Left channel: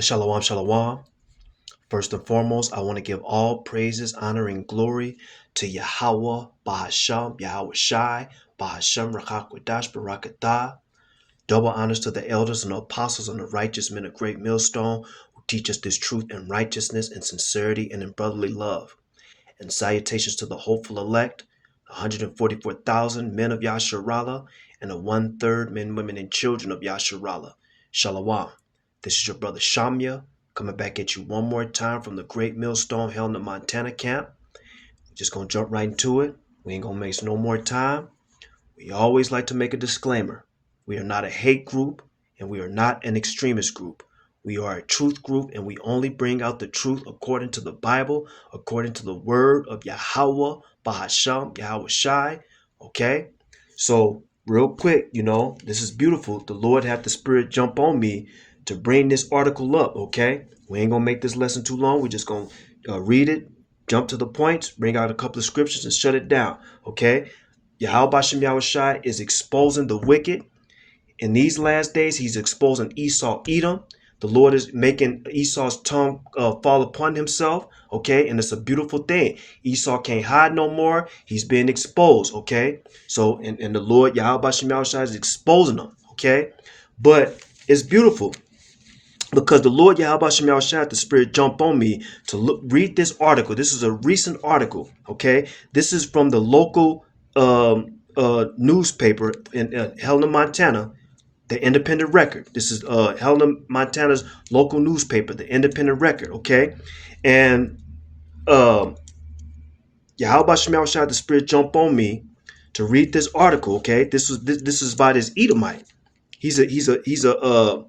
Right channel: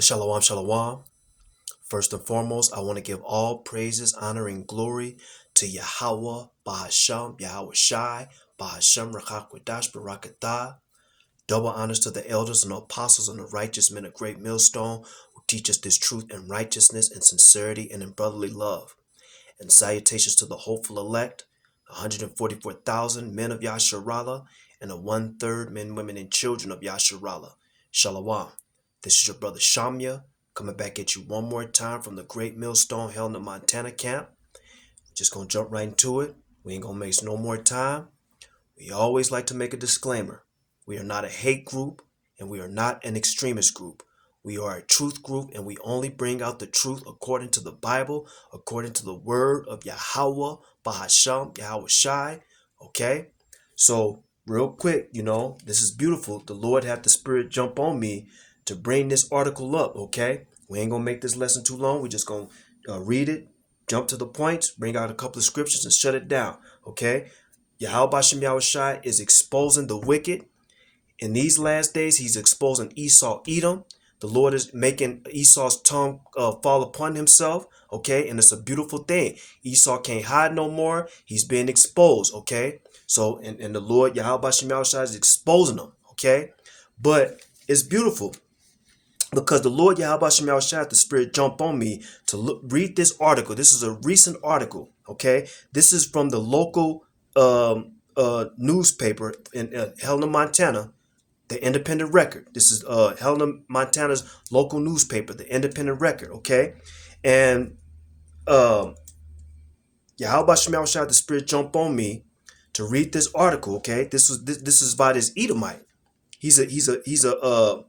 Shalom, shalom. First and foremost, I want to give all praises, honor, and glory to Yahweh, Bahasham, Yahweh Shai, Bahasham, Rakakwadash, Barakatah. Double honors to the elders and the apostles and the righteous men of great millstone who teach us this truth and righteousness and sincerity and in brotherly love. And salutations to the hopeful elect, the 144,000 men of Yasharallah, and the one-third men, women, and children of Yasharallah. Shalom. This is your brother Shamya, coming back at you one more time from the Great Millstone held in the Montana camp. Just gonna jump right into it. We ain't gonna waste no more time. We always like to make a disclaimer. We are not a hate group, and we are not an extremist group. We are a truth group, and we only bring out the truth according to the Bible, according to the word of Yahweh, Bahasham, Yahweh Shai. Okay? So, real quick, this is beautiful. The Lord had the Spirit jump on me to bring this article up, okay? We ain't gonna make this lesson too long. We're just gonna read it, jump to the points, bring out a couple of scriptures, and shut it down, okay? Yahweh Bashem Yahweh Shai is exposing the wicked. In these last days, he's exposing Esau, Edom. The Lord is making Esau's tongue fall upon himself, okay? And it's a beautiful thing. Esau can't hide no more. He's being exposed, okay? So, and the Lord, Yahweh Bashem Yahweh Shai, is exposing him, okay? But it's beautiful because the Lord Yahweh Bashem Yahweh Shai, the Spirit jumped on me to read this article. This is a recent article, okay? This is from the local newspaper in Helena, Montana, the Independent Record. This is Helena, Montana's local newspaper, the Independent Record, okay? And Yahweh Bashem Yahweh Shai, the Spirit jumped on me to read this article, okay? This is by this Edomite. He's a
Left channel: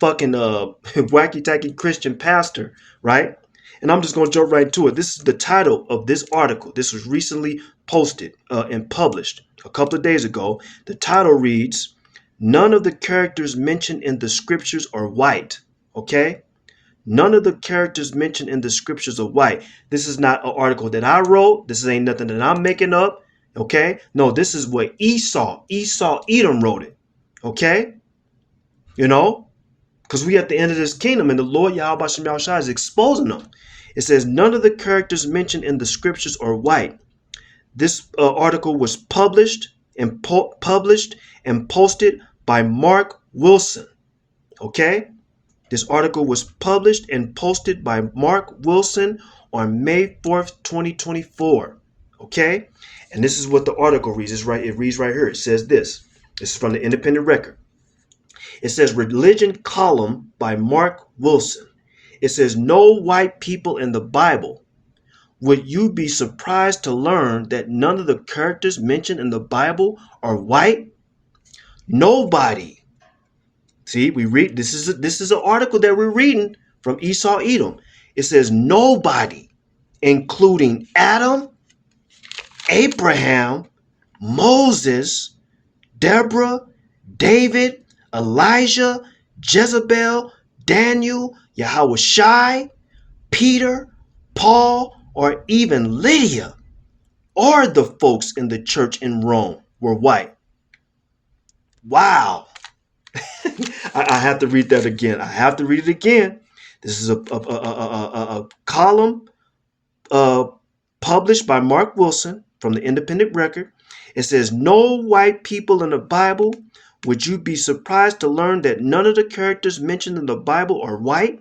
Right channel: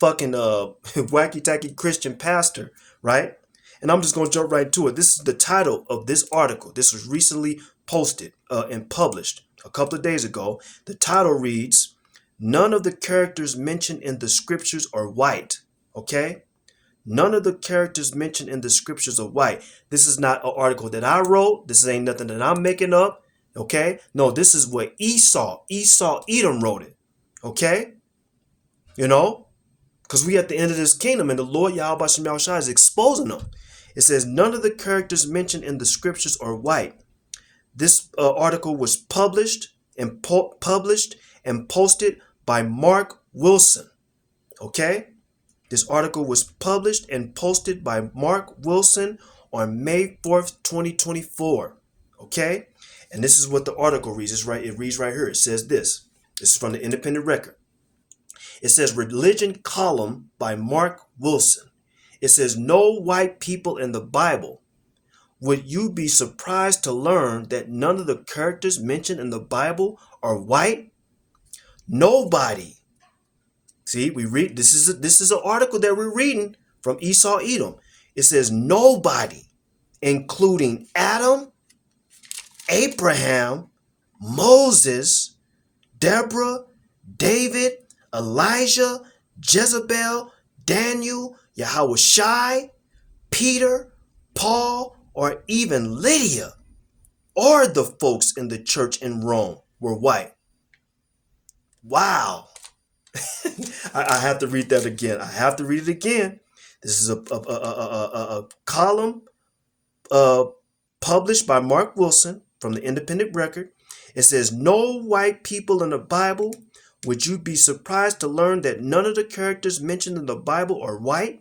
fucking wacky tacky Christian pastor, right? And I'm just gonna jump right into it. This is the title of this article. This was recently posted and published a couple of days ago. The title reads, "None of the characters mentioned in the scriptures are white." Okay? None of the characters mentioned in the scriptures are white. This is not an article that I wrote. This ain't nothing that I'm making up. Okay? No, this is what Esau, Edom wrote it. Okay? Because we at the end of this kingdom, and the Lord Yahweh Bashem Yahweh Shai is exposing them. It says, none of the characters mentioned in the scriptures are white. This article was published and posted by Mark Wilson. Okay? This article was published and posted by Mark Wilson on May 4th, 2024. Okay? And this is what the article reads. It reads right here. It says this. This is from the Independent Record. It says Religion Column by Mark Wilson. It says no white people in the Bible. Would you be surprised to learn that none of the characters mentioned in the Bible are white? Nobody. See, we read this is an article that we're reading from Esau Edom. It says nobody, including Adam, Abraham, Moses, Deborah, David, Elijah, Jezebel, Daniel, Yahweh Shai, Peter, Paul, or even Lydia, or the folks in the church in Rome were white. Wow. I have to read that again. I have to read it again. This is a column published by Mark Wilson from the Independent Record. It says, no white people in the Bible. Would you be surprised to learn that none of the characters mentioned in the Bible are white?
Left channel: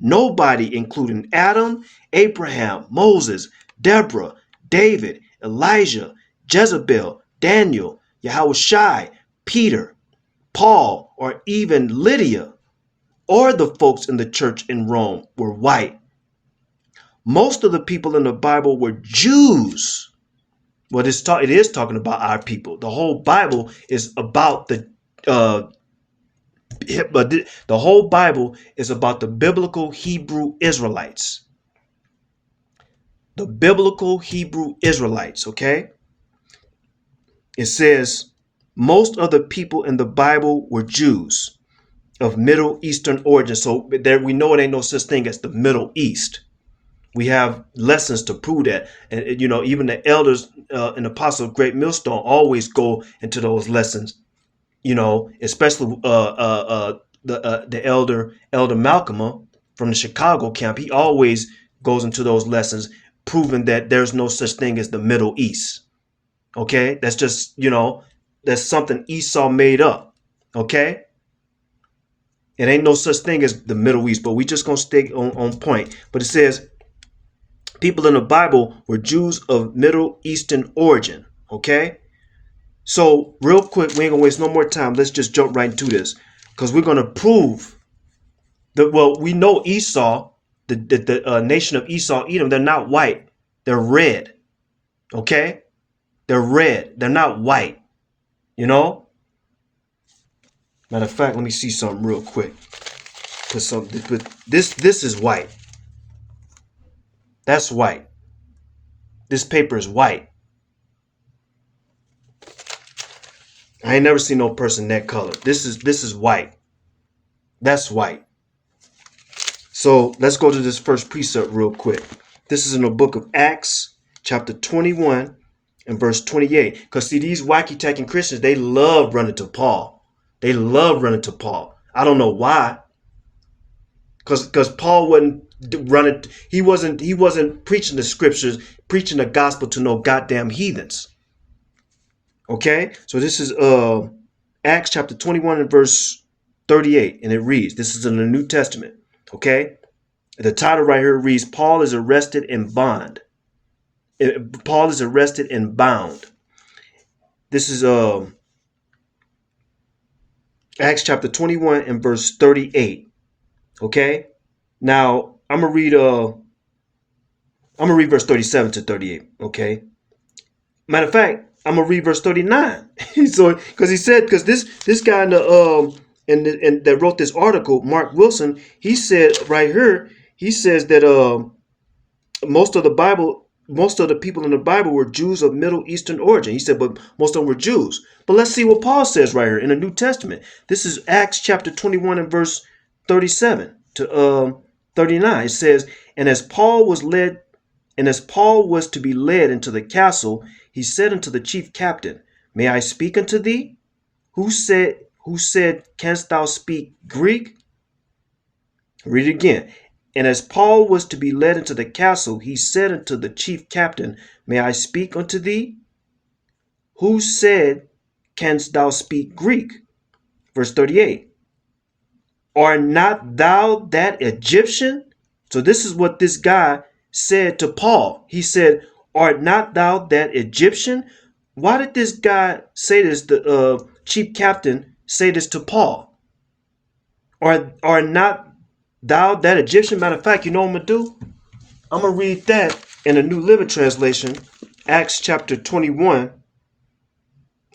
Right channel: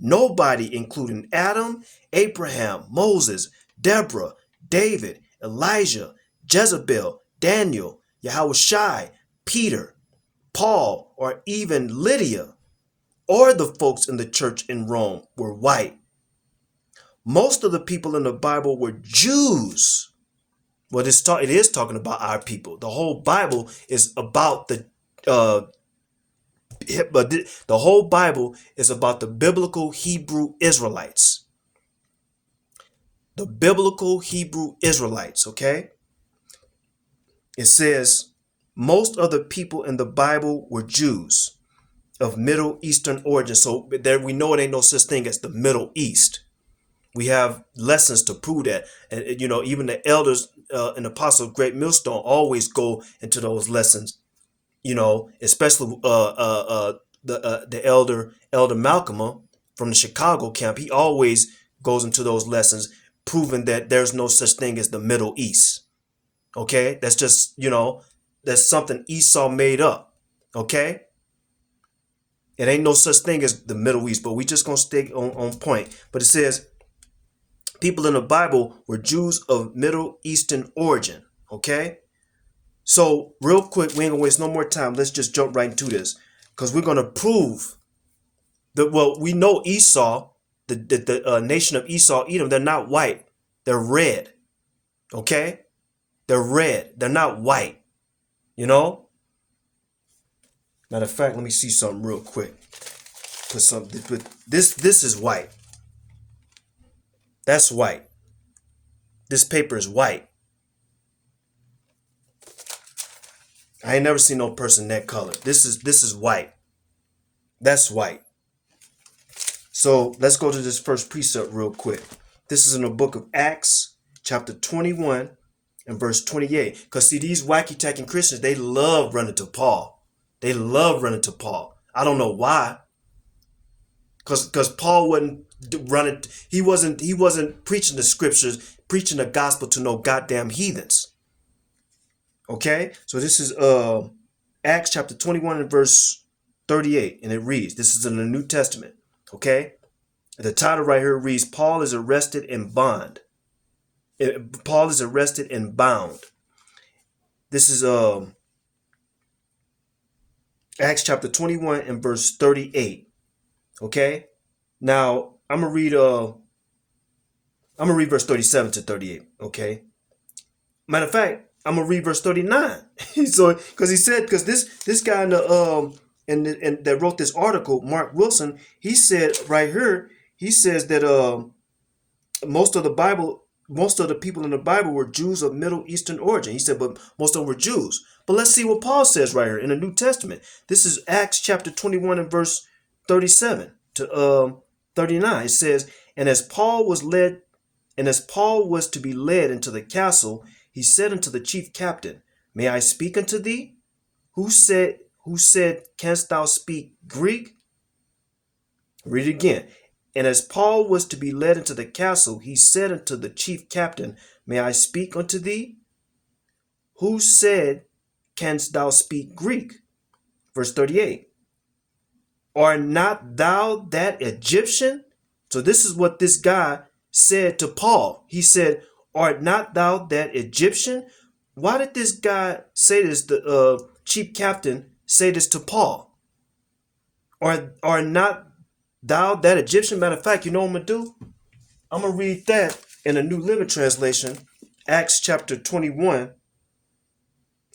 Nobody, including Adam, Abraham, Moses, Deborah, David, Elijah, Jezebel, Daniel, Yahweh Shai, Peter, Paul, or even Lydia, or the folks in the church in Rome were white. Most of the people in the Bible were Jews. Well, it is talking about our people. The whole Bible is about the whole Bible is about the biblical Hebrew Israelites. The biblical Hebrew Israelites, okay? It says most of the people in the Bible were Jews of Middle Eastern origin. So there we know it ain't no such thing as the Middle East. We have lessons to prove that. And, even the elders and apostles of Great Millstone always go into those lessons, especially the elder Malcolm from the Chicago camp. He always goes into those lessons, proving that there's no such thing as the Middle East. Okay, that's just, that's something Esau made up. Okay, it ain't no such thing as the Middle East, but we just gonna stay on point. But it says people in the Bible were Jews of Middle Eastern origin. Okay, so real quick, we ain't gonna waste no more time. Let's just jump right into this, because we're gonna prove that. Well, we know Esau, the nation of Esau, Edom, they're not white, they're red. Okay, they're red, they're not white. Matter of fact, let me see something real quick. But this is white. That's white. This paper is white. I ain't never seen no person that color. This is white. That's white. So let's go to this first precept real quick. This is in the book of Acts, chapter 21 and verse 28. Because see, these wacky-tacking Christians, they love running to Paul. They love running to Paul. I don't know why. Because Paul wasn't running. He wasn't preaching the scriptures, preaching the gospel to no goddamn heathens. Okay, so this is Acts chapter 21 and verse 38, and it reads, this is in the New Testament. Okay, the title right here reads, Paul is arrested and bound. Paul is arrested and bound. This is Acts chapter 21 and verse 38. Okay, now I'm gonna read verse 37 to 38. Okay, matter of fact, I'm gonna read verse 39. So, because this guy in the and that wrote this article, Mark Wilson, he said right here, he says that most of the people in the Bible were Jews of Middle Eastern origin. He said, but most of them were Jews. But let's see what Paul says right here in the New Testament. This is Acts chapter 21 and verse 37 to 39. It says, and as Paul was to be led into the castle, he said unto the chief captain, may I speak unto thee? Who said, canst thou speak Greek? Read it again. And as Paul was to be led into the castle, he said unto the chief captain, may I speak unto thee? Who said, canst thou speak Greek? Verse 38. Art not thou that Egyptian? So this is what this guy said to Paul. He said, art not thou that Egyptian? Why did this guy say this, the chief captain say this to Paul? Are not thou that Egyptian? Matter of fact, you know what I'm going to do? I'm going to read that in the New Living Translation, Acts chapter 21. I'm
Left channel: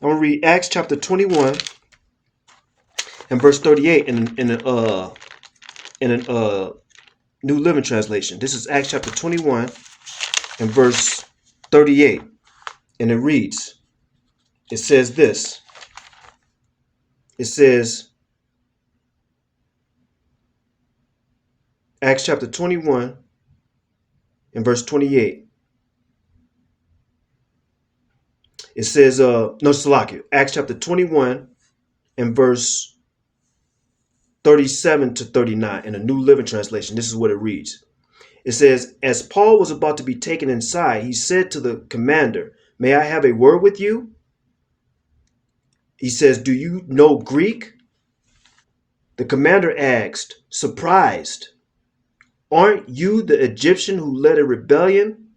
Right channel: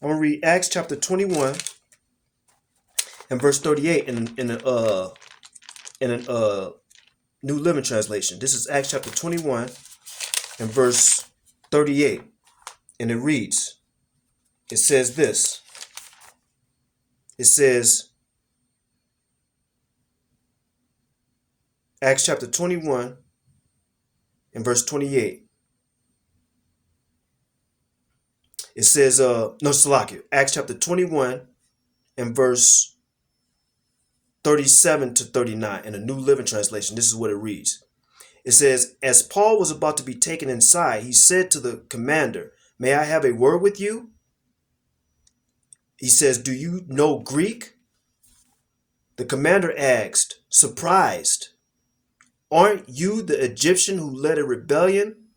going to read Acts chapter 21 and verse 38 in a New Living Translation. This is Acts chapter 21 and verse 38. And it reads, it says this. It says, Acts chapter 21 and verse 28. It says, Acts chapter 21 and verse 37 to 39 in a New Living Translation. This is what it reads. It says, as Paul was about to be taken inside, he said to the commander, may I have a word with you? He says, do you know Greek? The commander asked, surprised, aren't you the Egyptian who led a rebellion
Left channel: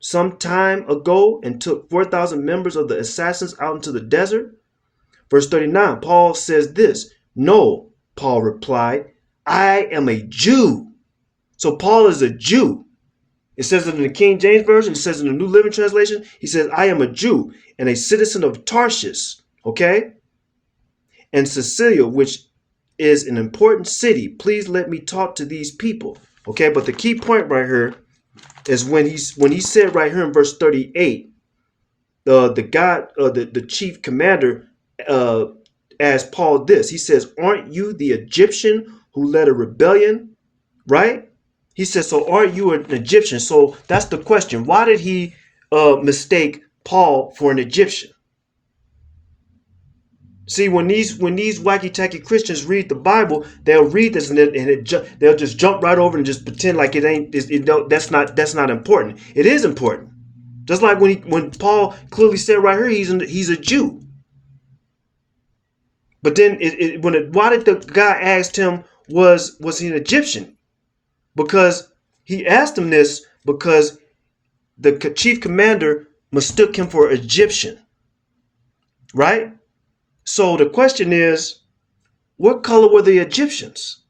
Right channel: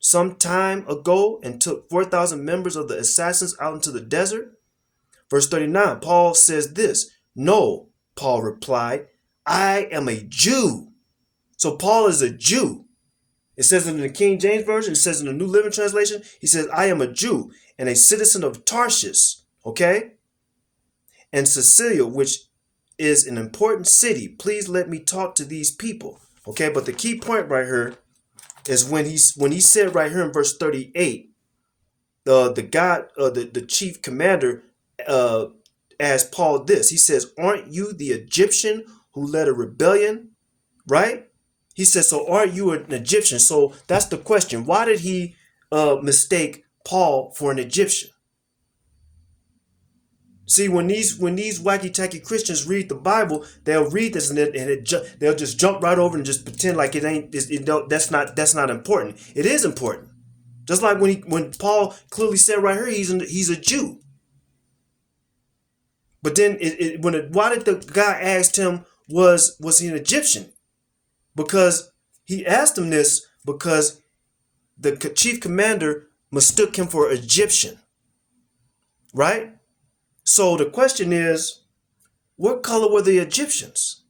some time ago and took 4,000 members of the assassins out into the desert? Verse 39, Paul says this, no, Paul replied, I am a Jew. So Paul is a Jew. It says in the King James Version, it says in the New Living Translation, he says, I am a Jew and a citizen of Tarshish, okay? And Sicilia, which is an important city. Please let me talk to these people, okay? But the key point right here is when he said right here in verse 38, the chief commander asked Paul this. He says, aren't you the Egyptian who led a rebellion, right? He says, so aren't you an Egyptian? So that's the question. Why did he mistake Paul for an Egyptian? See, when these wacky tacky Christians read the Bible, they'll read this and they'll just jump right over and just pretend like it ain't. That's not important. It is important. Just like when Paul clearly said right here, he's a Jew. But then why did the guy asked him was he an Egyptian? Because he asked him this because the chief commander mistook him for Egyptian, right? So the question is, what color were the Egyptians?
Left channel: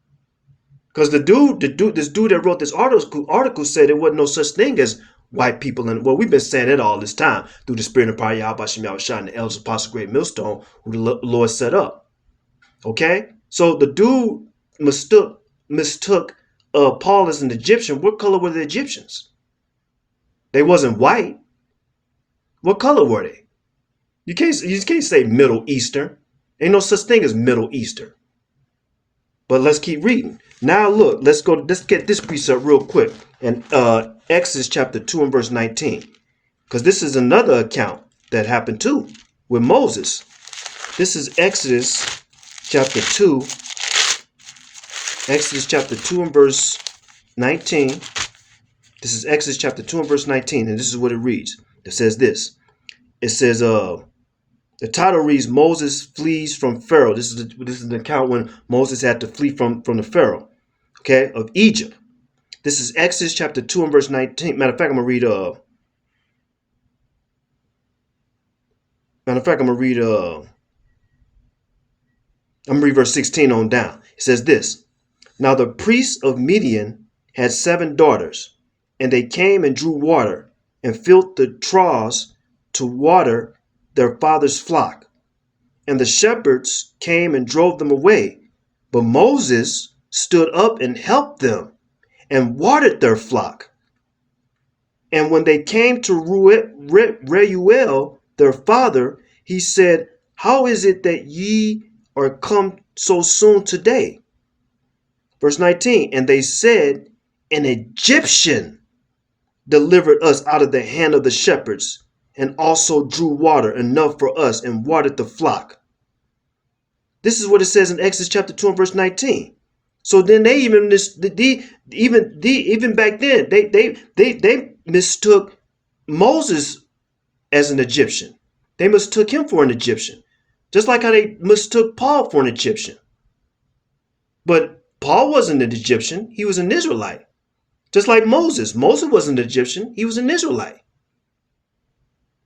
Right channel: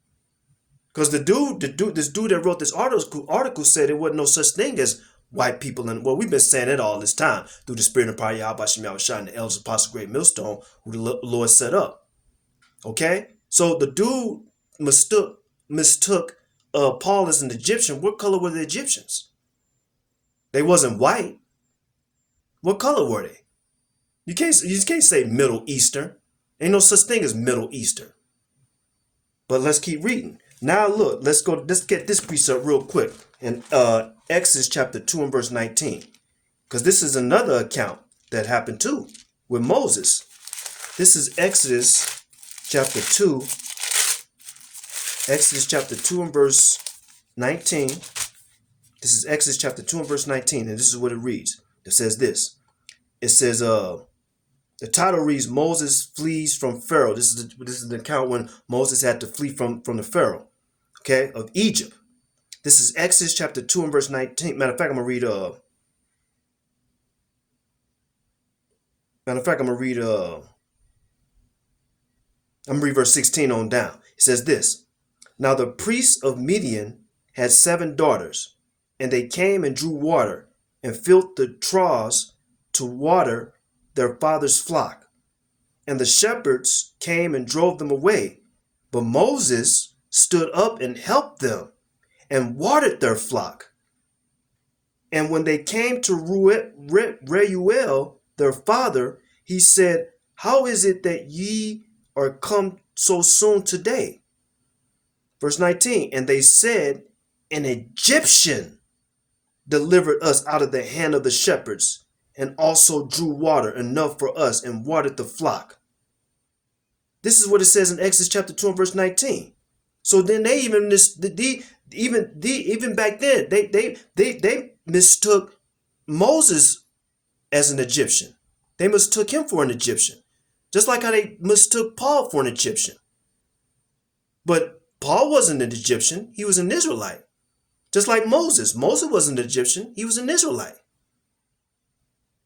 Because this dude that wrote this article said there wasn't no such thing as white people. And well, we've been saying it all this time through the spirit of Yahweh Bashim Yahushua and the elders apostle great millstone who the Lord set up. Okay, so the dude mistook Paul as an Egyptian. What color were the Egyptians? They wasn't white. What color were they? You can't say Middle Eastern. Ain't no such thing as Middle Eastern. But let's keep reading. Now look, let's get this precept real quick. And Exodus chapter 2 and verse 19. Because this is another account that happened too with Moses. This is Exodus chapter 2. Exodus chapter 2 and verse 19. This is Exodus chapter 2 and verse 19. And this is what it reads. It says this. It says, the title reads, Moses flees from Pharaoh. This is the account when Moses had to flee from the Pharaoh, okay, of Egypt. This is Exodus chapter 2 and verse 19. Matter of fact, I'm going to read verse 16 on down. It says this. Now the priests of Midian had 7 daughters, and they came and drew water and filled the troughs to water their father's flock. And the shepherds came and drove them away. But Moses stood up and helped them and watered their flock. And when they came to Reuel, their father, he said, How is it that ye are come so soon today? Verse 19, and they said, An Egyptian delivered us out of the hand of the shepherds, and also drew water enough for us and watered the flock. This is what it says in Exodus chapter 2 and verse 19. So then they even back then they mistook Moses as an Egyptian. They mistook him for an Egyptian, just like how they mistook Paul for an Egyptian. But Paul wasn't an Egyptian; he was an Israelite. Just like Moses. Moses wasn't an Egyptian; he was an Israelite.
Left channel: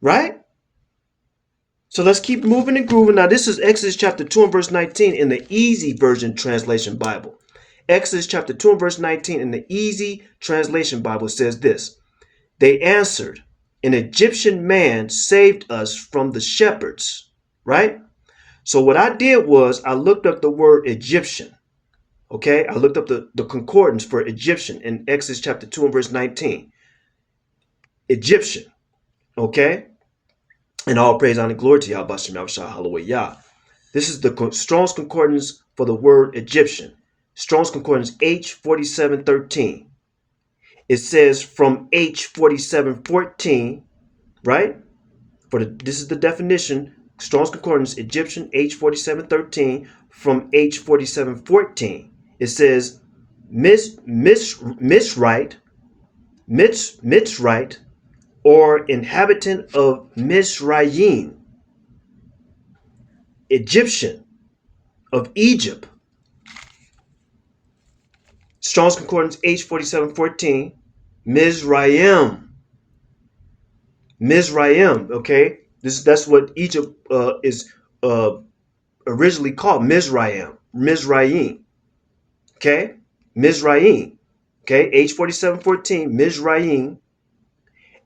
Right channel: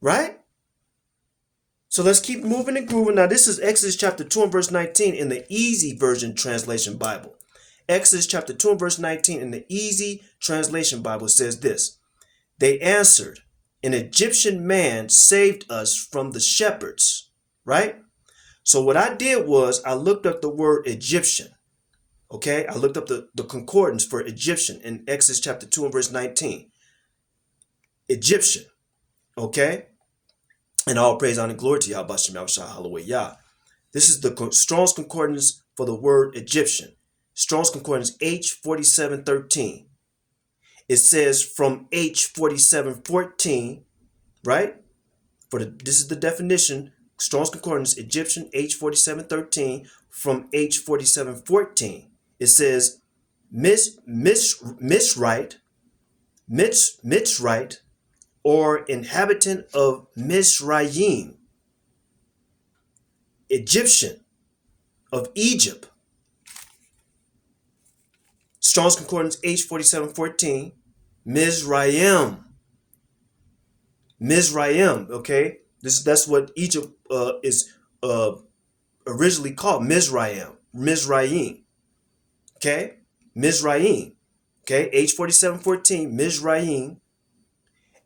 Right? So let's keep moving and grooving. Now, this is Exodus chapter 2 and verse 19 in the Easy Version Translation Bible. Exodus chapter 2 and verse 19 in the Easy Translation Bible says this. They answered, An Egyptian man saved us from the shepherds. Right? So what I did was I looked up the word Egyptian. Okay? I looked up the concordance for Egyptian in Exodus chapter 2 and verse 19. Egyptian. Okay? And all praise, honor, and glory to Yah, Bashim Yahushua, Hallelujah. This is the Strong's Concordance for the word Egyptian. Strong's Concordance H4713. It says from H4714, right? This is the definition. Strong's Concordance Egyptian H4713 from H4714. It says Mitzrite, or inhabitant of Mizraim, Egyptian of Egypt. Strong's Concordance H4714, Mizraim, okay? That's what Egypt is originally called, Mizraim, okay? Mizraim, okay? H4714, Mizraim,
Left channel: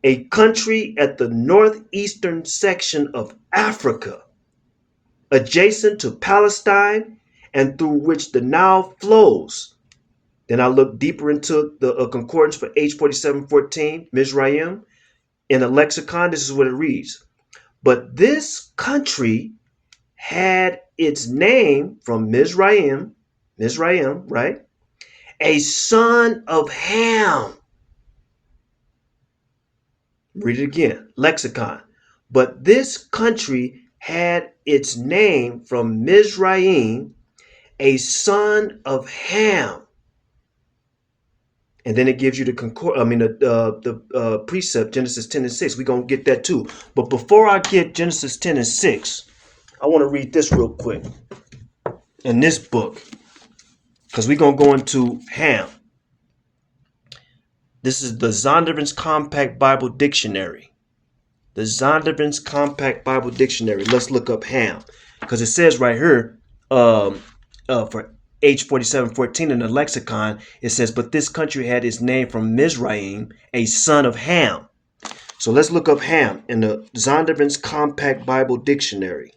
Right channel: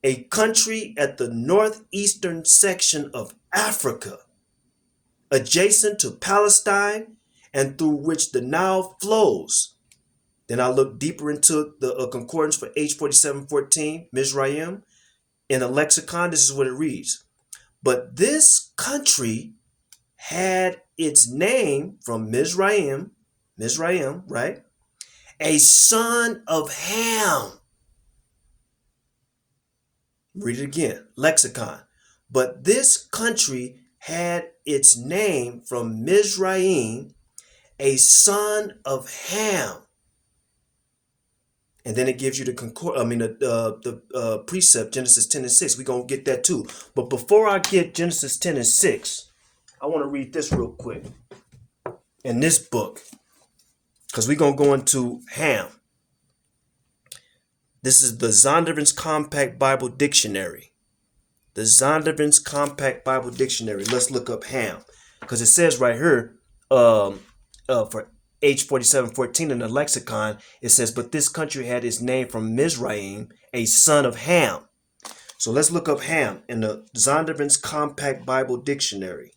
a country at the northeastern section of Africa, adjacent to Palestine and through which the Nile flows. Then I look deeper into the concordance for H4714, Mizraim. In a lexicon, this is what it reads. But this country had its name from Mizraim, right? A son of Ham. Read it again, lexicon. But this country had its name from Mizraim, a son of Ham. And then it gives you the precept, Genesis 10 and 6. We're going to get that too. But before I get Genesis 10 and 6, I want to read this real quick in this book, because we're going to go into Ham. This is the Zondervan's Compact Bible Dictionary. The Zondervan's Compact Bible Dictionary. Let's look up Ham, because it says right here, for H4714 in the lexicon, it says, but this country had its name from Mizraim, a son of Ham. So let's look up Ham in the Zondervan's Compact Bible Dictionary.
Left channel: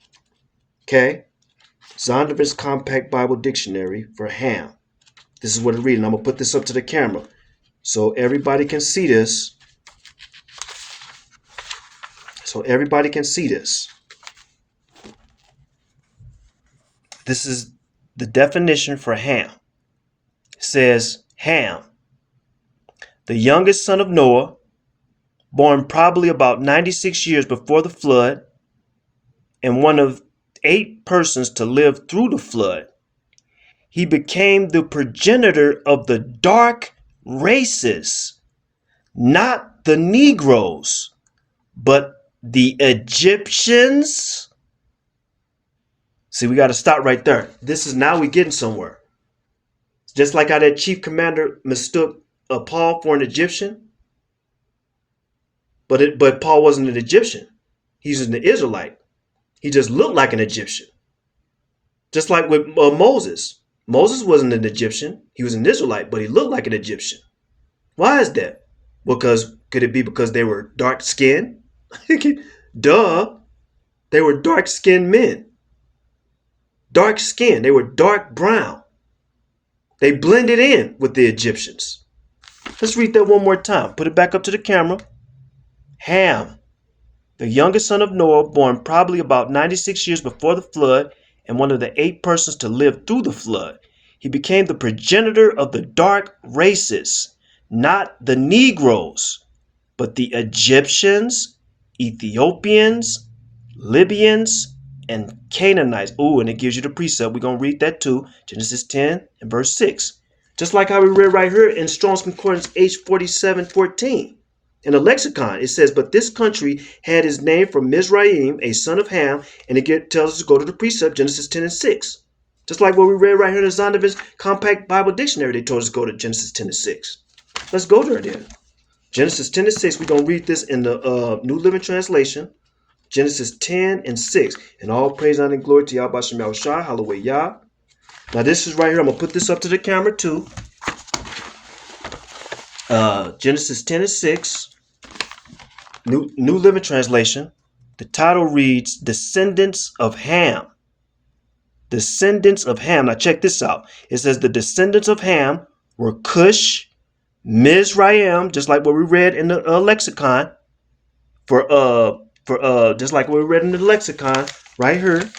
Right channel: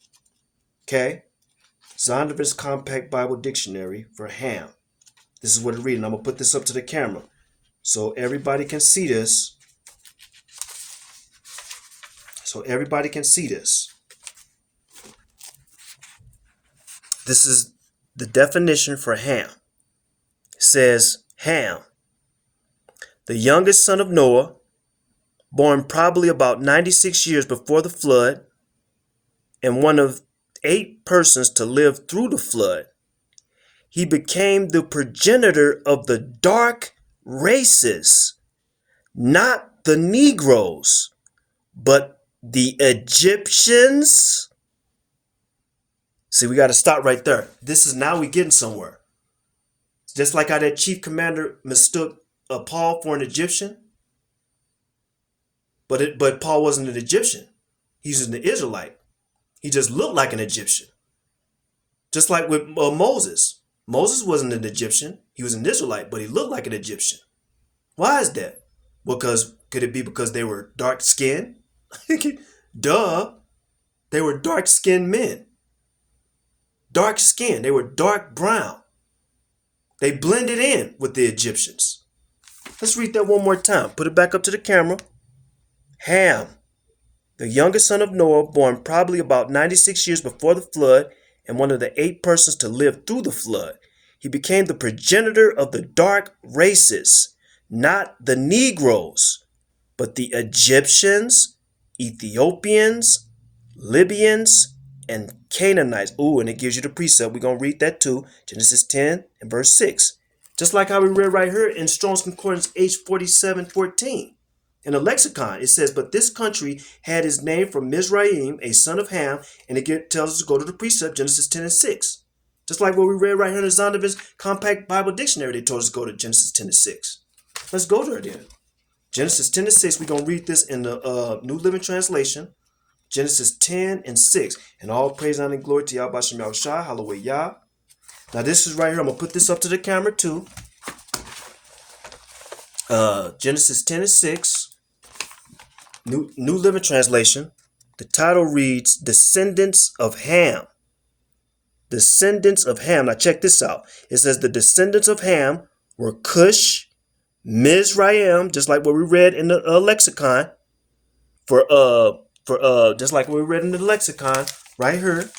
Okay? Zondervan's Compact Bible Dictionary for Ham. This is what it's reading. I'm going to put this up to the camera so everybody can see this. This is the definition for Ham. It says, Ham, the youngest son of Noah, born probably about 96 years before the flood, and one of 8 persons to live through the flood. He became the progenitor of the dark races, not the Negroes, but the Egyptians. See, we got to stop right there. This is now we getting somewhere. Just like how that chief commander mistook Paul for an Egyptian. But Paul wasn't an Egyptian. He's an Israelite. He just looked like an Egyptian. Just like with Moses. Moses wasn't an Egyptian. He was an Israelite, but he looked like an Egyptian. Why is that? Could it be because they were dark-skinned? Duh. They were dark-skinned men. Dark skin. They were dark brown. They blended in with the Egyptians. Let's read that one more time. Put it back up to the camera. Ham, the youngest son of Noah, born probably about 96 years before the flood, and one of the 8 persons to live through the flood. He became the progenitor of the dark races, not the Negroes, but the Egyptians, Ethiopians, Libyans, and Canaanites. Ooh, and it gives you the precept. We're going to read that too. Genesis 10 and verse 6. Just like how we read right here in Strong's Concordance H4714. In the lexicon, it says, but this country had its name from Mizraim, a son of Ham, and it tells us to go to the precept, Genesis 10 and 6. Just like what we read right here in the Zondervan's Compact Bible Dictionary, they told us to go to Genesis 10 and 6. Let's go there then. Genesis 10 and 6, we're going to read this in the New Living Translation. Genesis 10 and 6. And all praise, honor, and glory to Yahweh Shem Yahushua, hallelujah Yah. Now this is right here. I'm going to put this up to the camera too. Genesis 10 and 6. New Living Translation. The title reads, Descendants of Ham. Descendants of Ham. Now check this out. It says the descendants of Ham were Cush, Mizraim, just like what we read in the lexicon. Just like what we read in the lexicon right here.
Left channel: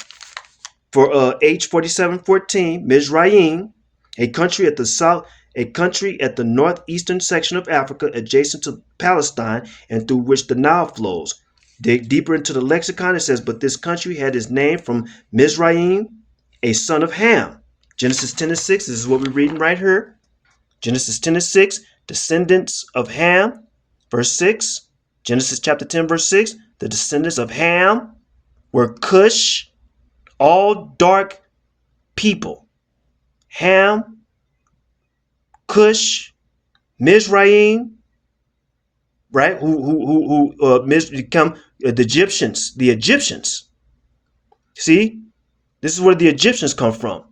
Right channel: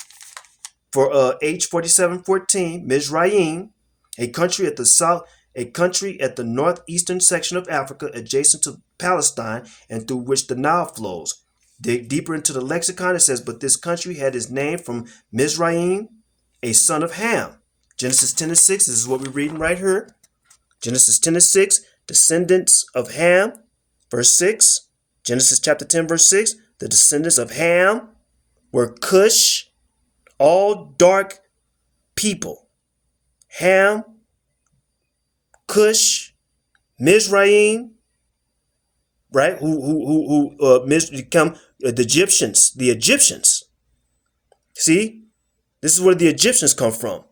For H4714, Mizraim, a country at the northeastern section of Africa adjacent to Palestine and through which the Nile flows. Dig deeper into the lexicon, it says, but this country had its name from Mizraim, a son of Ham. Genesis 10 and 6, this is what we're reading right here. Genesis 10 and 6, descendants of Ham. Verse 6, Genesis chapter 10, verse 6, the descendants of Ham were Cush, all dark people. Ham, Cush, Mizraim, right? Who become the Egyptians. The Egyptians. See, this is where the Egyptians come from.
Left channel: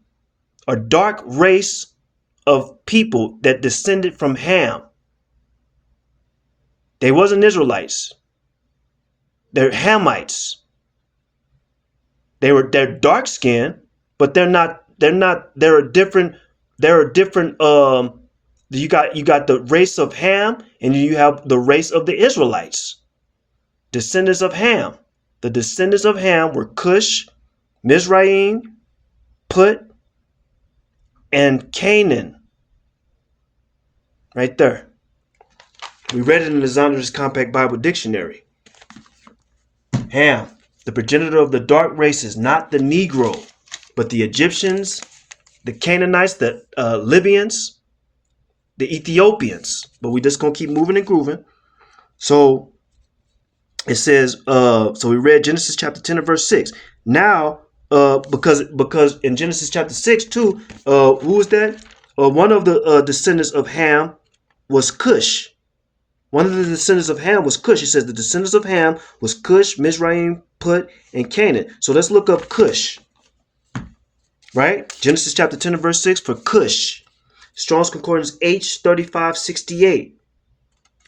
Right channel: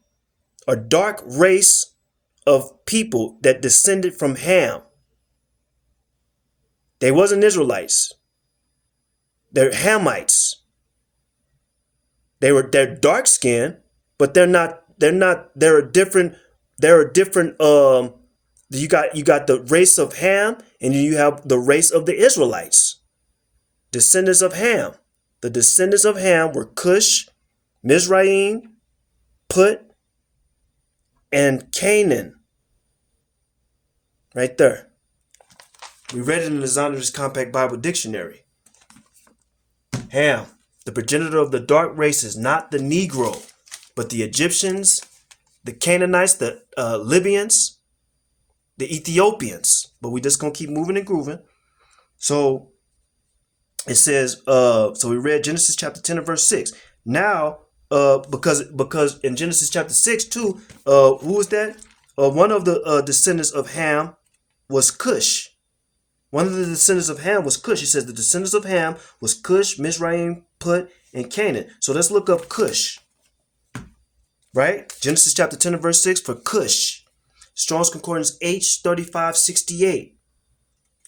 A dark race of people that descended from Ham. They wasn't Israelites. They're Hamites. They're dark skinned, but they're a different. You got the race of Ham, and you have the race of the Israelites. Descendants of Ham. The descendants of Ham were Cush, Mizraim, Put, and Canaan. Right there. We read it in the Zondervan's Compact Bible Dictionary. Ham. The progenitor of the dark race is not the Negro, but the Egyptians, the Canaanites, the Libyans, the Ethiopians. But we just gonna keep moving and grooving. So it says, so we read Genesis chapter 10 and verse 6. Now, because in Genesis chapter 6 too, who was that? One of the descendants of Ham was Cush. One of the descendants of Ham was Cush. It says the descendants of Ham was Cush, Mizraim, Put, and Canaan. So let's look up Cush. Right? Genesis chapter 10 and verse 6 for Cush. Strong's Concordance H3568.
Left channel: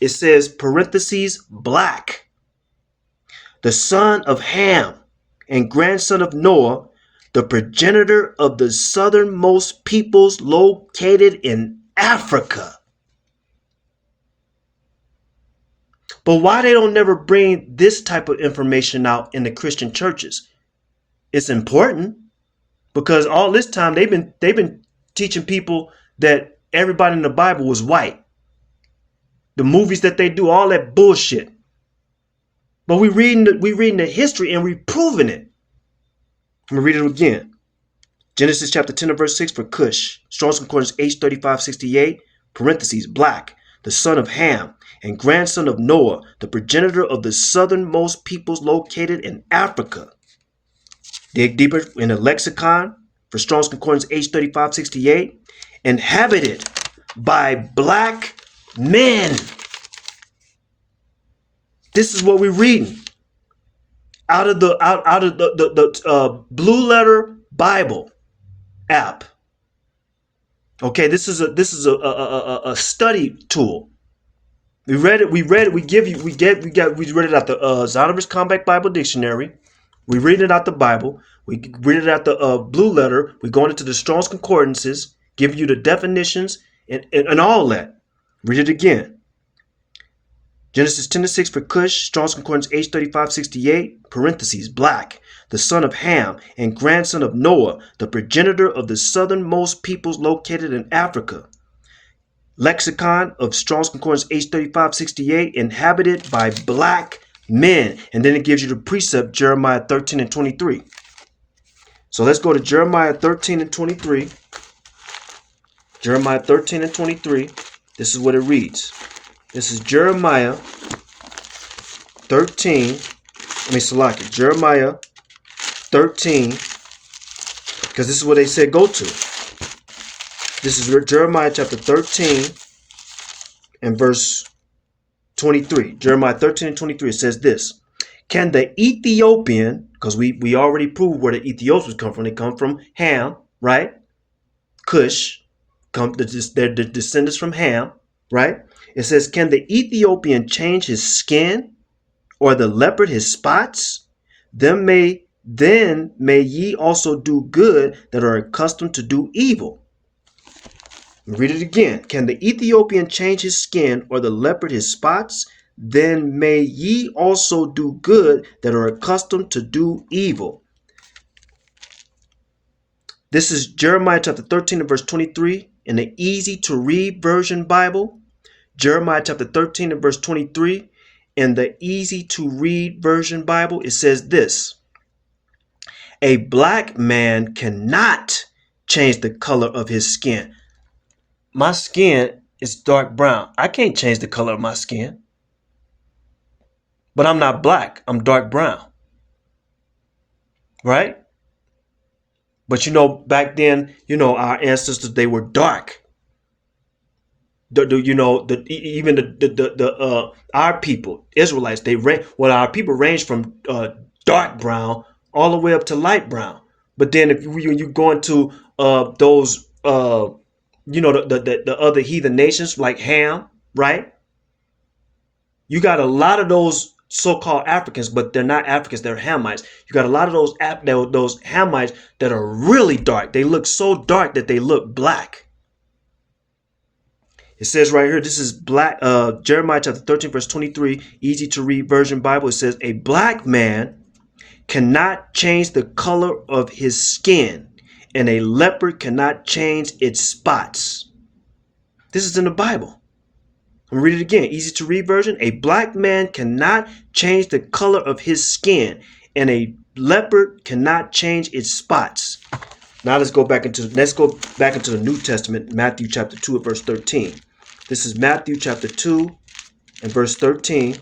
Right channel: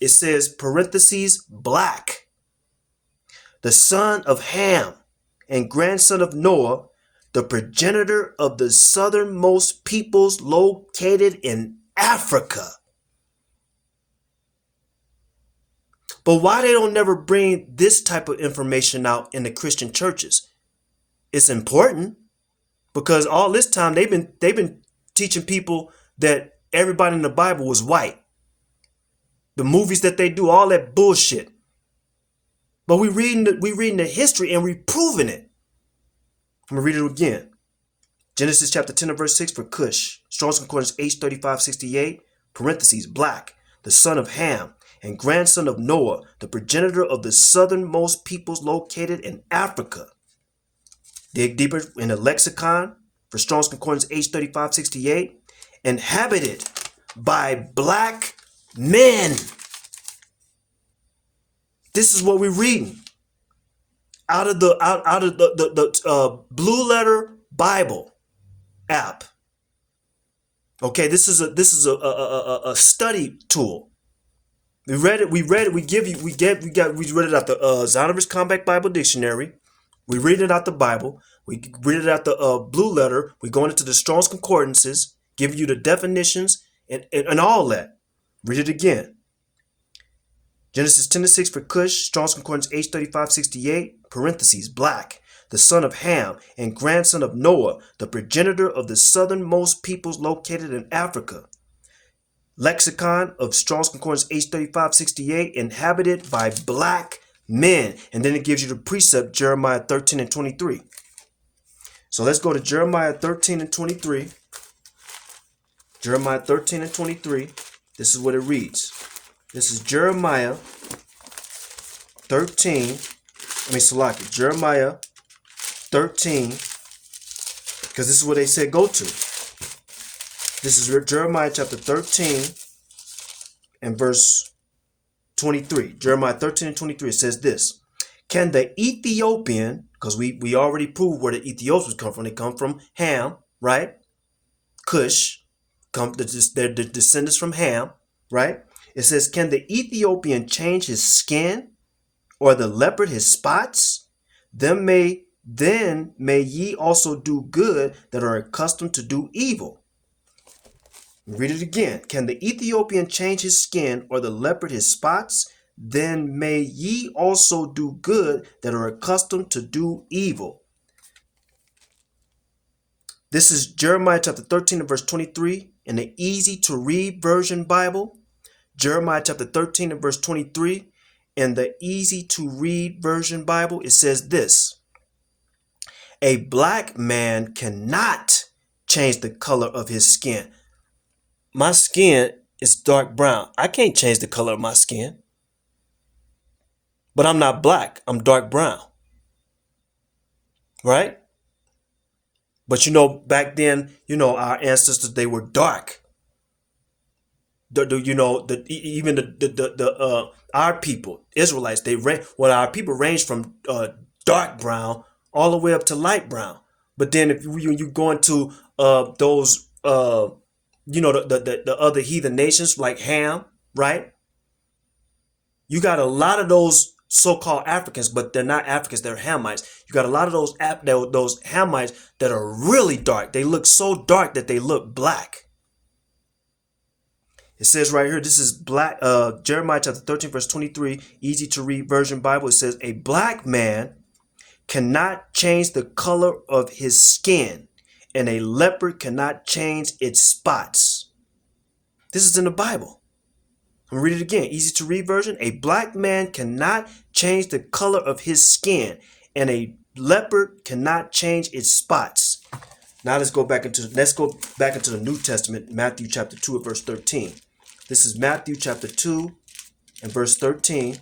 It says, parentheses, black. The son of Ham and grandson of Noah, the progenitor of the southernmost peoples located in Africa. But why they don't never bring this type of information out in the Christian churches? It's important because all this time they've been teaching people that everybody in the Bible was white. The movies that they do, all that bullshit. But we reading the history and we proving it. I'm gonna read it again. Genesis chapter 10 and verse 6 for Cush. Strong's Concordance H3568, parentheses, black, the son of Ham and grandson of Noah, the progenitor of the southernmost peoples located in Africa. Dig deeper in the lexicon for Strong's Concordance H3568, inhabited by black men. This is what we're reading out of the Blue Letter Bible app. Okay, this is a study tool. We read it. We read it out the Zondervan's Compact Bible Dictionary. We read it out the Bible. We read it out the Blue Letter. We're going into the Strong's Concordances, giving you the definitions and all that. Read it again. Genesis 10 and 6 for Cush, Strong's Concordance H3568, parentheses, black, the son of Ham and grandson of Noah, the progenitor of the southernmost peoples located in Africa. Lexicon of Strong's Concordance H3568, inhabited by black men. And then it gives you the precept, Jeremiah 13 and 23. So let's go to Jeremiah 13 and 23. Jeremiah 13 and 23. This is what it reads. This is Jeremiah 13. Jeremiah 13. Because this is what they said go to. This is Jeremiah chapter 13 and verse 23. Jeremiah 13 and 23. It says this. Can the Ethiopian, because we already proved where the Ethiopians come from. They come from Ham, right? Cush. They're the descendants from Ham, right? It says, can the Ethiopian change his skin or the leopard his spots? Then may ye also do good that are accustomed to do evil. Read it again. Can the Ethiopian change his skin or the leopard his spots? Then may ye also do good that are accustomed to do evil. This is Jeremiah chapter 13 and verse 23 in the easy to read version Bible. Jeremiah chapter 13 and verse 23 in the easy to read version Bible. It says this. A black man cannot change the color of his skin. My skin is dark brown. I can't change the color of my skin. But I'm not black. I'm dark brown. Right? But back then, our ancestors, they were dark. Our people, Israelites, our people ranged from dark brown all the way up to light brown. But then if you go into those the other heathen nations like Ham, right? You got a lot of those so-called Africans, but they're not Africans, they're Hamites. You got a lot of those Hamites that are really dark. They look so dark that they look black. It says right here, this is black Jeremiah chapter 13 verse 23, easy to read version Bible. It says, a black man cannot change the color of his skin, and a leopard cannot change its spots. This is in the Bible. I'm going to read it again. Easy to read version. A black man cannot change the color of his skin, and a leopard cannot change its spots. Now let's go back into the New Testament, Matthew chapter 2 and verse 13. This is Matthew chapter 2 and verse 13.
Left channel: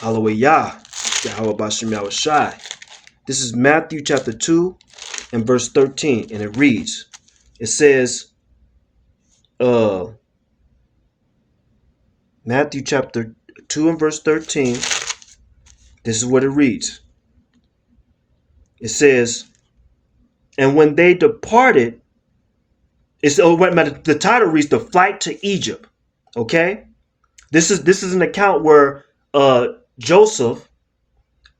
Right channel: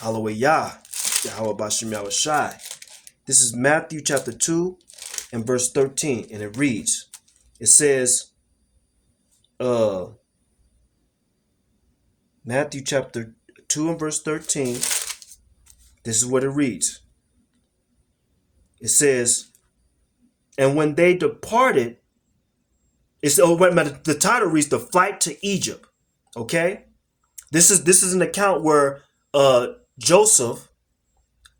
Hallelujah. Yahweh Bashem Yahweh Shai. This is Matthew chapter 2 and verse 13, and it reads, it says, Matthew chapter 2 and verse 13, this is what it reads. It says, and when they departed, the title reads The Flight to Egypt. Okay? This is an account where Joseph,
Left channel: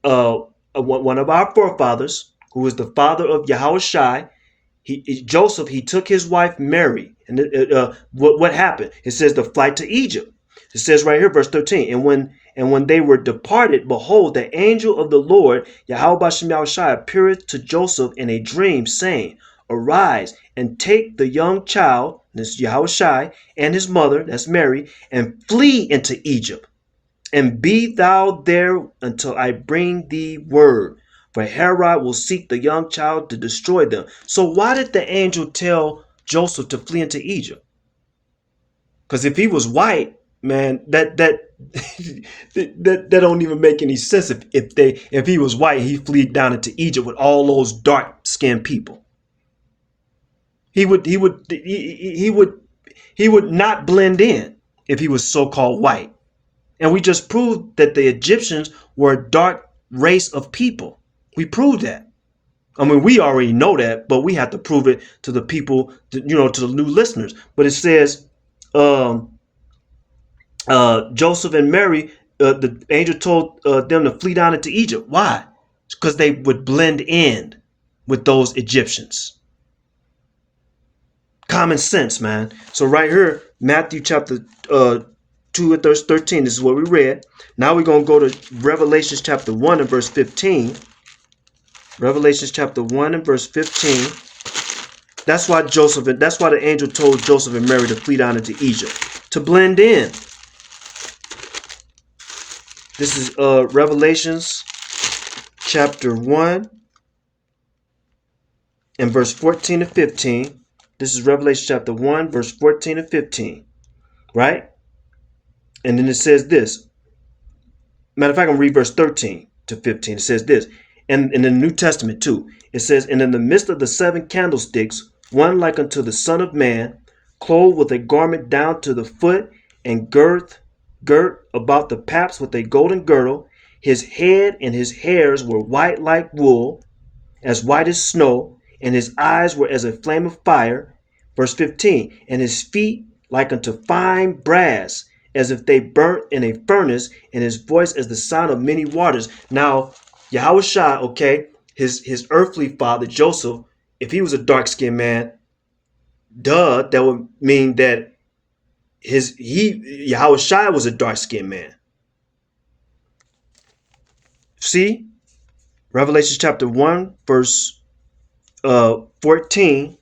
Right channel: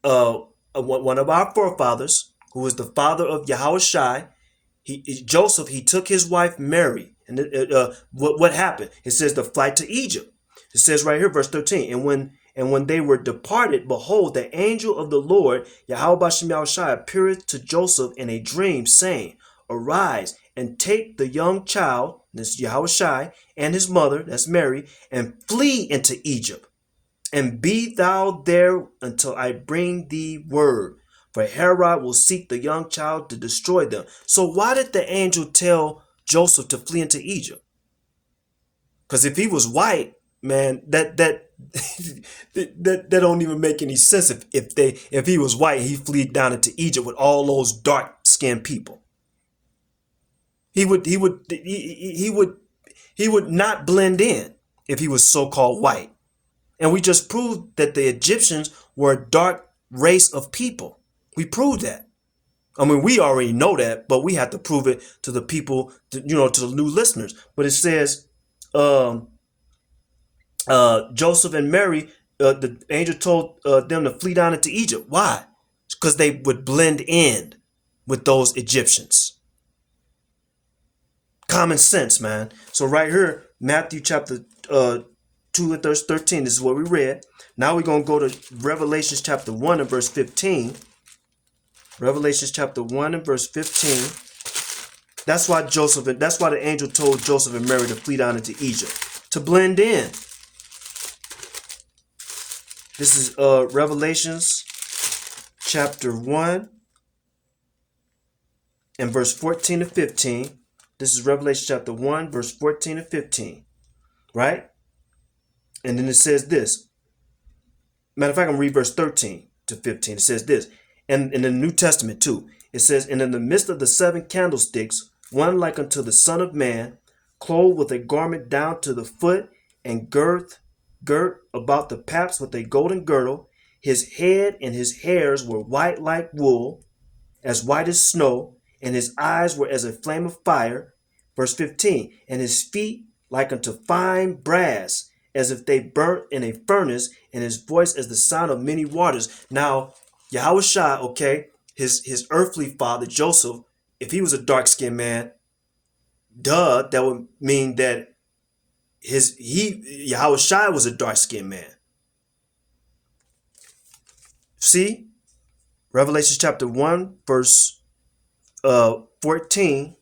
one of our forefathers, who is the father of Yahushai, Joseph, he took his wife Mary. And what happened? It says the flight to Egypt. It says right here, verse 13, and when they were departed, behold, the angel of the Lord, Yahweh Bashem Yahushai, appeared to Joseph in a dream, saying, arise and take the young child, this Yahushai, and his mother, that's Mary, and flee into Egypt. And be thou there until I bring thee word. For Herod will seek the young child to destroy them. So why did the angel tell Joseph to flee into Egypt? Because if he was white, man, that don't even make any sense. If he was white, he'd flee down into Egypt with all those dark-skinned people. He would not blend in if he was so-called white. And we just proved that the Egyptians were a dark race of people. We proved that. I mean, we already know that, but we have to prove it to the people, to the new listeners. But it says, Joseph and Mary, the angel told them to flee down into Egypt. Why? Because they would blend in with those Egyptians. Common sense, man. So right here, Matthew chapter 2 and verse 13, this is what we read. Now we're going to go to Revelations chapter 1 and verse 15. Revelations chapter 1 and verse 15. That's why the angel told Joseph and Mary to flee down into Egypt, to blend in. This is Revelations chapter 1 and verse 14 and 15. This is Revelation chapter 1, verse 14 and 15. Right? And then it says this. Matter of fact, I'm going to read verse 13 to 15. It says this. And in the New Testament too, it says, and in the midst of the 7 candlesticks, one like unto the Son of Man, clothed with a garment down to the foot, and girt about the paps with a golden girdle. His head and his hairs were white like wool, as white as snow, and his eyes were as a flame of fire. Verse 15, and his feet like unto fine brass, as if they burnt in a furnace, and his voice as the sound of many waters. Now, Yahushua, okay, his earthly father, Joseph, if he was a dark-skinned man, that would mean that Yahushua was a dark-skinned man. See? Revelation chapter 1, verse 14.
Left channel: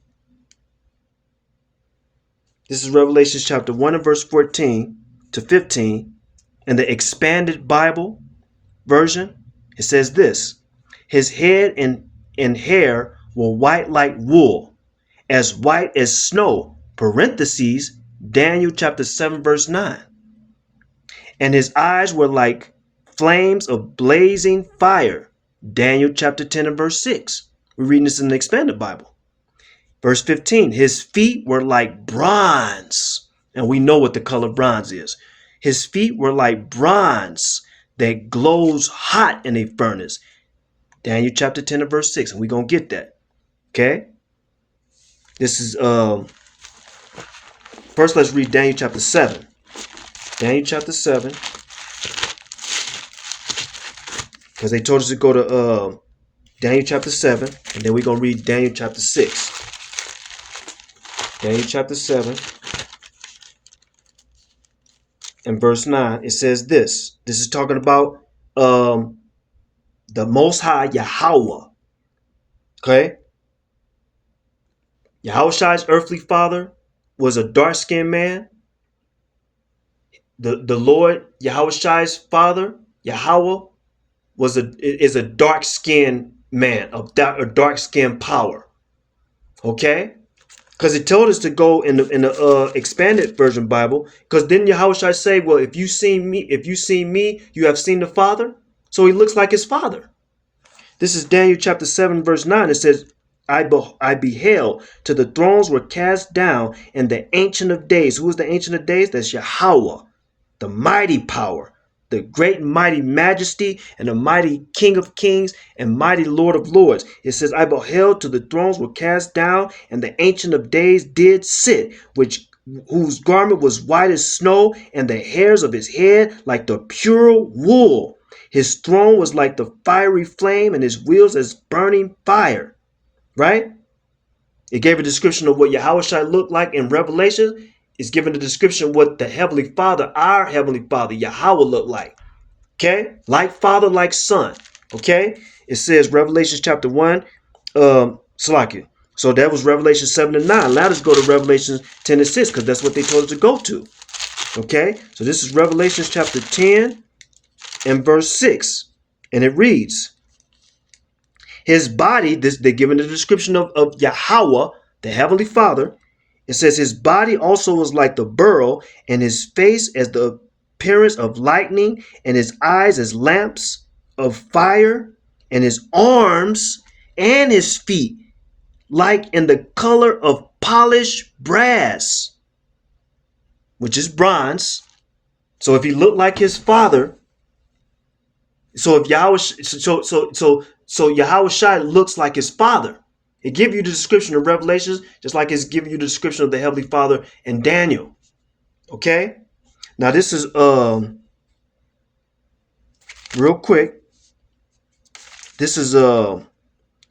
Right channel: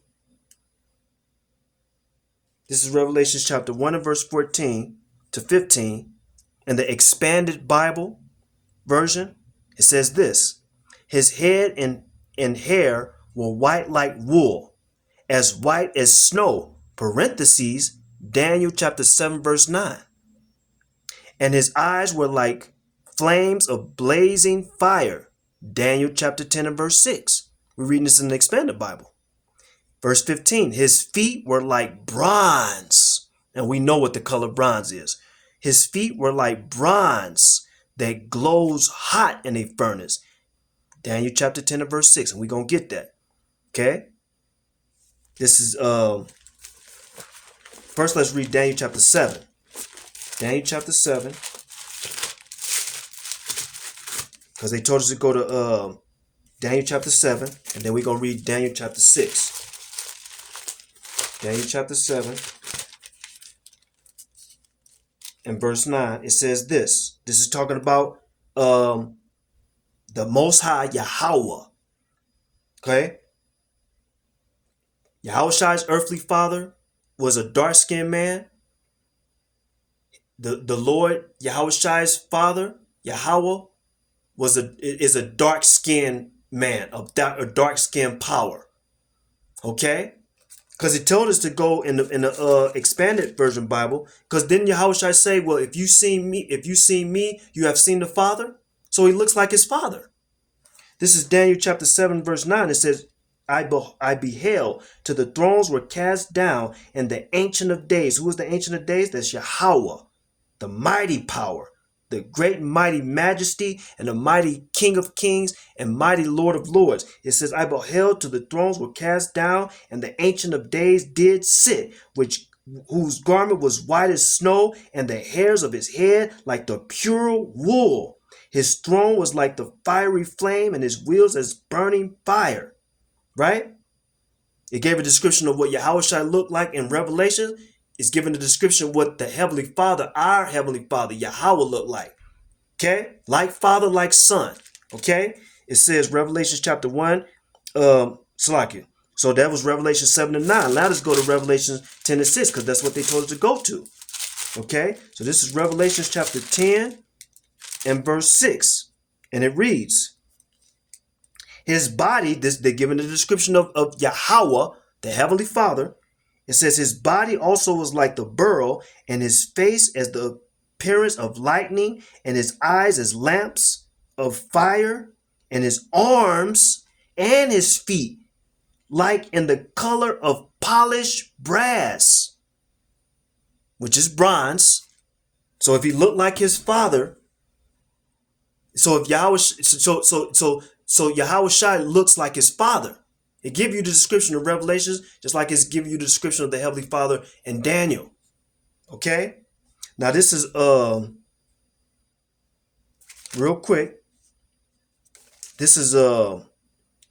This is Revelation chapter 1 and verse 14 to 15. In the expanded Bible version, it says this. His head and hair were white like wool, as white as snow, parentheses, Daniel chapter 7 verse 9. And his eyes were like flames of blazing fire, Daniel chapter 10 and verse 6. We're reading this in the expanded Bible. Verse 15, his feet were like bronze. And we know what the color bronze is. His feet were like bronze that glows hot in a furnace. Daniel chapter 10 and verse 6. And we're going to get that. Okay? This is, first let's read Daniel chapter 7. Daniel chapter 7. Because they told us to go to Daniel chapter 7. And then we're going to read Daniel chapter 6. Daniel chapter 7 and verse 9, it says this. This is talking about the Most High Yahweh. Okay? Yahushai's earthly father was a dark-skinned man. The Lord Yahushai's father, Yahweh, is a dark-skinned man, a dark-skinned power. Okay? Because it told us to go in the expanded version Bible. Because then Yahushua say, well, if you seen me, you have seen the Father. So he looks like his father. This is Daniel chapter 7, verse 9. It says, I beheld till the thrones were cast down, and the Ancient of Days. Who is the Ancient of Days? That's Yahweh, the mighty power, the great and mighty majesty, and the mighty King of Kings and mighty Lord of Lords. It says, I beheld till the thrones were cast down, and the Ancient of Days did sit, whose garment was white as snow, and the hairs of his head like the pure wool. His throne was like the fiery flame, and his wheels as burning fire. Right? It gave a description of what Yahushua looked like in Revelation. It's given a description of what the Heavenly Father, our Heavenly Father, Yahweh, looked like. Okay? Like Father, like Son. Okay? It says Revelation chapter 1, Salakia. So that was Revelation 7 and 9. Now let's go to Revelation 10 and 6, because that's what they told us to go to. Okay? So this is Revelation chapter 10 and verse 6. And it reads, his body, they're given the description of Yahweh, the Heavenly Father. It says his body also was like the beryl, and his face as the appearance of lightning, and his eyes as lamps of fire, and his arms and his feet like in the color of polished brass, which is bronze. So if he looked like his father, so if Yahweh, so Yahushua looks like his father. It gives you the description of Revelations, just like it's giving you the description of the Heavenly Father in Daniel. Okay? Now this is real quick. This is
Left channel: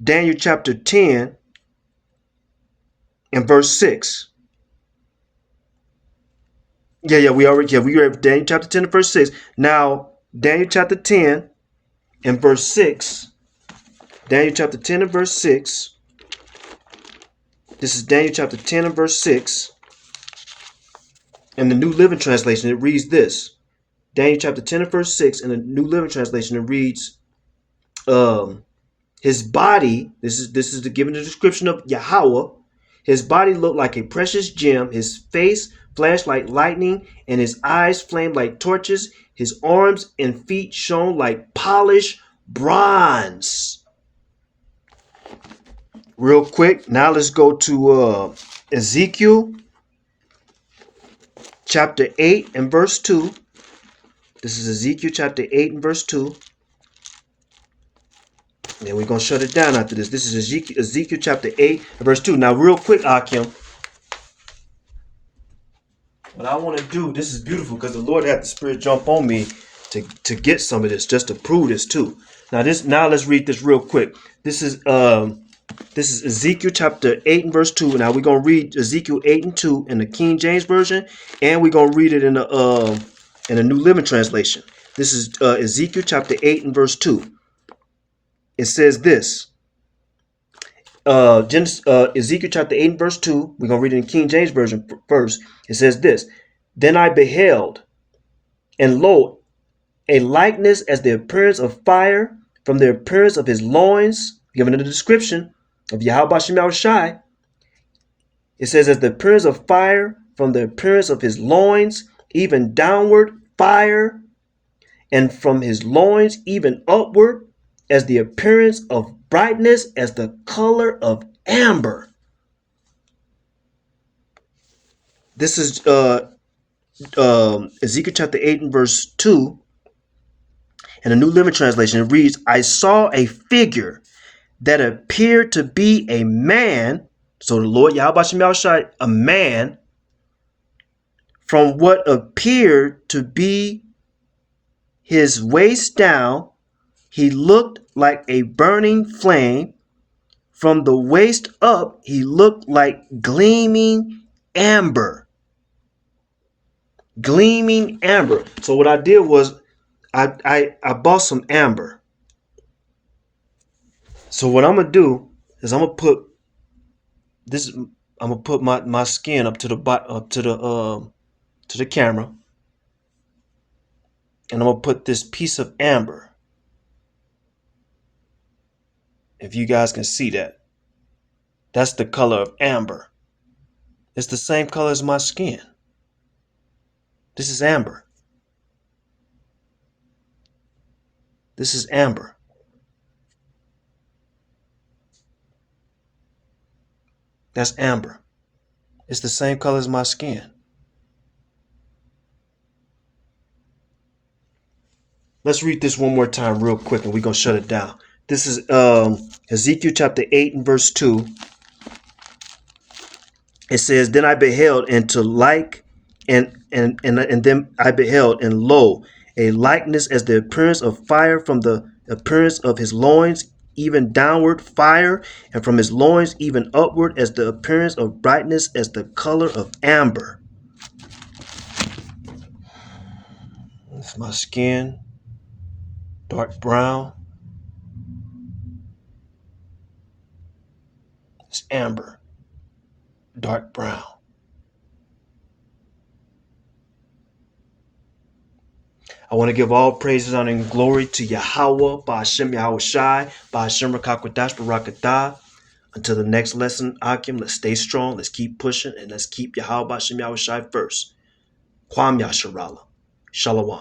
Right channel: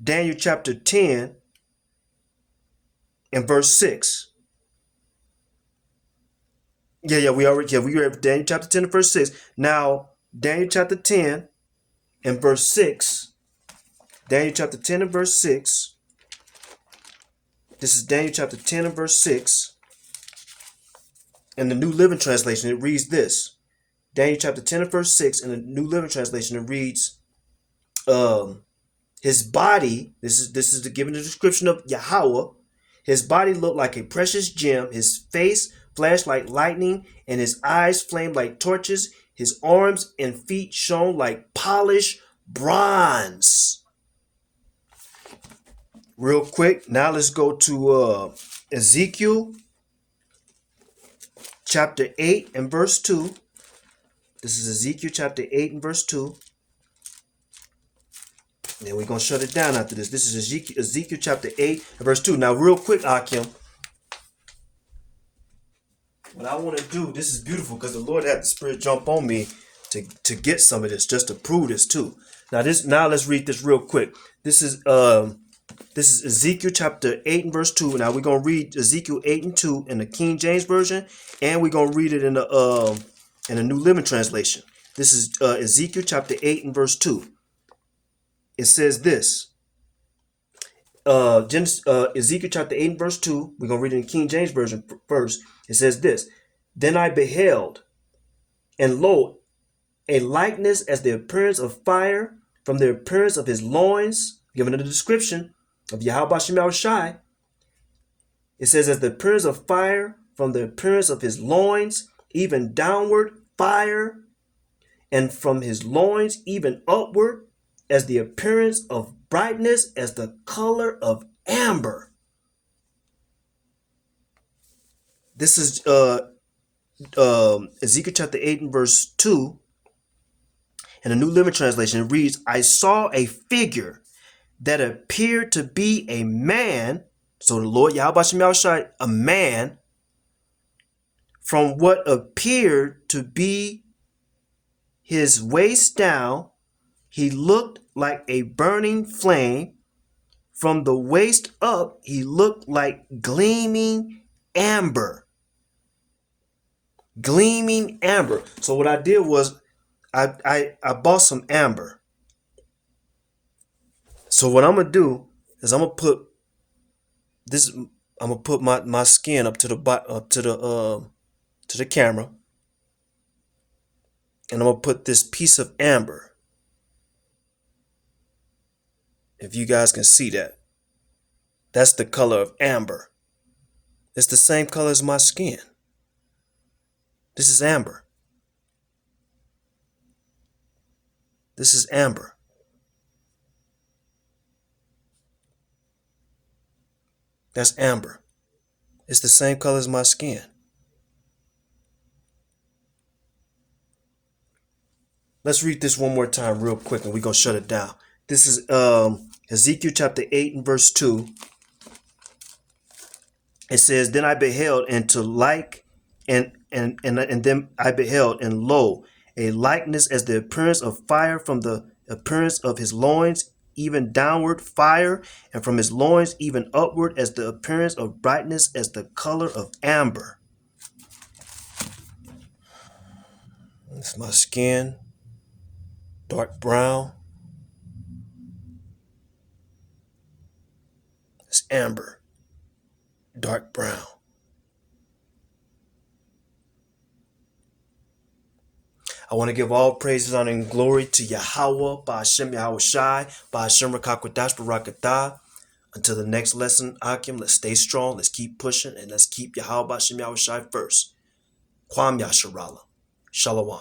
Daniel chapter 10 and verse 6. We read Daniel chapter 10 and verse 6. Now, Daniel chapter 10 and verse 6. Daniel chapter 10 and verse 6. This is Daniel chapter 10 and verse 6. In the New Living Translation, it reads this. Daniel chapter 10 and verse 6 in the New Living Translation, it reads, his body, this is the given the description of Yahweh. His body looked like a precious gem. His face flashed like lightning, and his eyes flamed like torches. His arms and feet shone like polished bronze. Real quick, now let's go to Ezekiel chapter 8 and verse 2. This is Ezekiel chapter 8 and verse 2. Then we're going to shut it down after this. This is Ezekiel chapter 8 and verse 2. Now, real quick, Akim, what I want to do, this is beautiful because the Lord had the Spirit jump on me to get some of this, just to prove this too. Now let's read this real quick. This is Ezekiel chapter 8 and verse 2. Now we're going to read Ezekiel 8 and 2 in the King James Version, and we're going to read it in the New Living Translation. This is Ezekiel chapter 8 and verse 2. It says this. Ezekiel chapter 8 and verse 2. We're going to read it in King James Version first. It says this. Then I beheld, and lo, a likeness as the appearance of fire from the appearance of his loins, given in the description of Yahweh Bashem Yahushai. It says, as the appearance of fire from the appearance of his loins, even downward fire, and from his loins even upward, as the appearance of brightness, as the color of amber. This is Ezekiel chapter 8 and verse 2. In the New Living Translation, it reads, I saw a figure that appeared to be a man. So the Lord Yahweh Shem Yahushai, a man, from what appeared to be his waist down, he looked like a burning flame. From the waist up, he looked like gleaming amber. Gleaming amber. So what I did was I bought some amber. So what I'm gonna do is I'm gonna put this. I'm gonna put my skin up to the camera, and I'm gonna put this piece of amber If you guys can see that, that's the color of amber. It's the same color as my skin. This is amber. This is amber. That's amber. It's the same color as my skin. Let's read this one more time real quick and we're going to shut it down. This is Ezekiel chapter 8 and verse 2. It says, Then I beheld and to like and then I beheld, and lo, a likeness as the appearance of fire from the appearance of his loins, even downward fire, and from his loins even upward as the appearance of brightness as the color of amber. That's my skin. Dark brown. It's amber. Dark brown. I want to give all praises, honor, and glory to Yahweh, Ba'ashem Yahweh Shai, Ba'ashem Rakakwadash Barakatah. Until the next lesson, Akim, let's stay strong, let's keep pushing, and let's keep Yahweh Ba'ashem Yahweh Shai first. Kwam Yasharala. Shalom.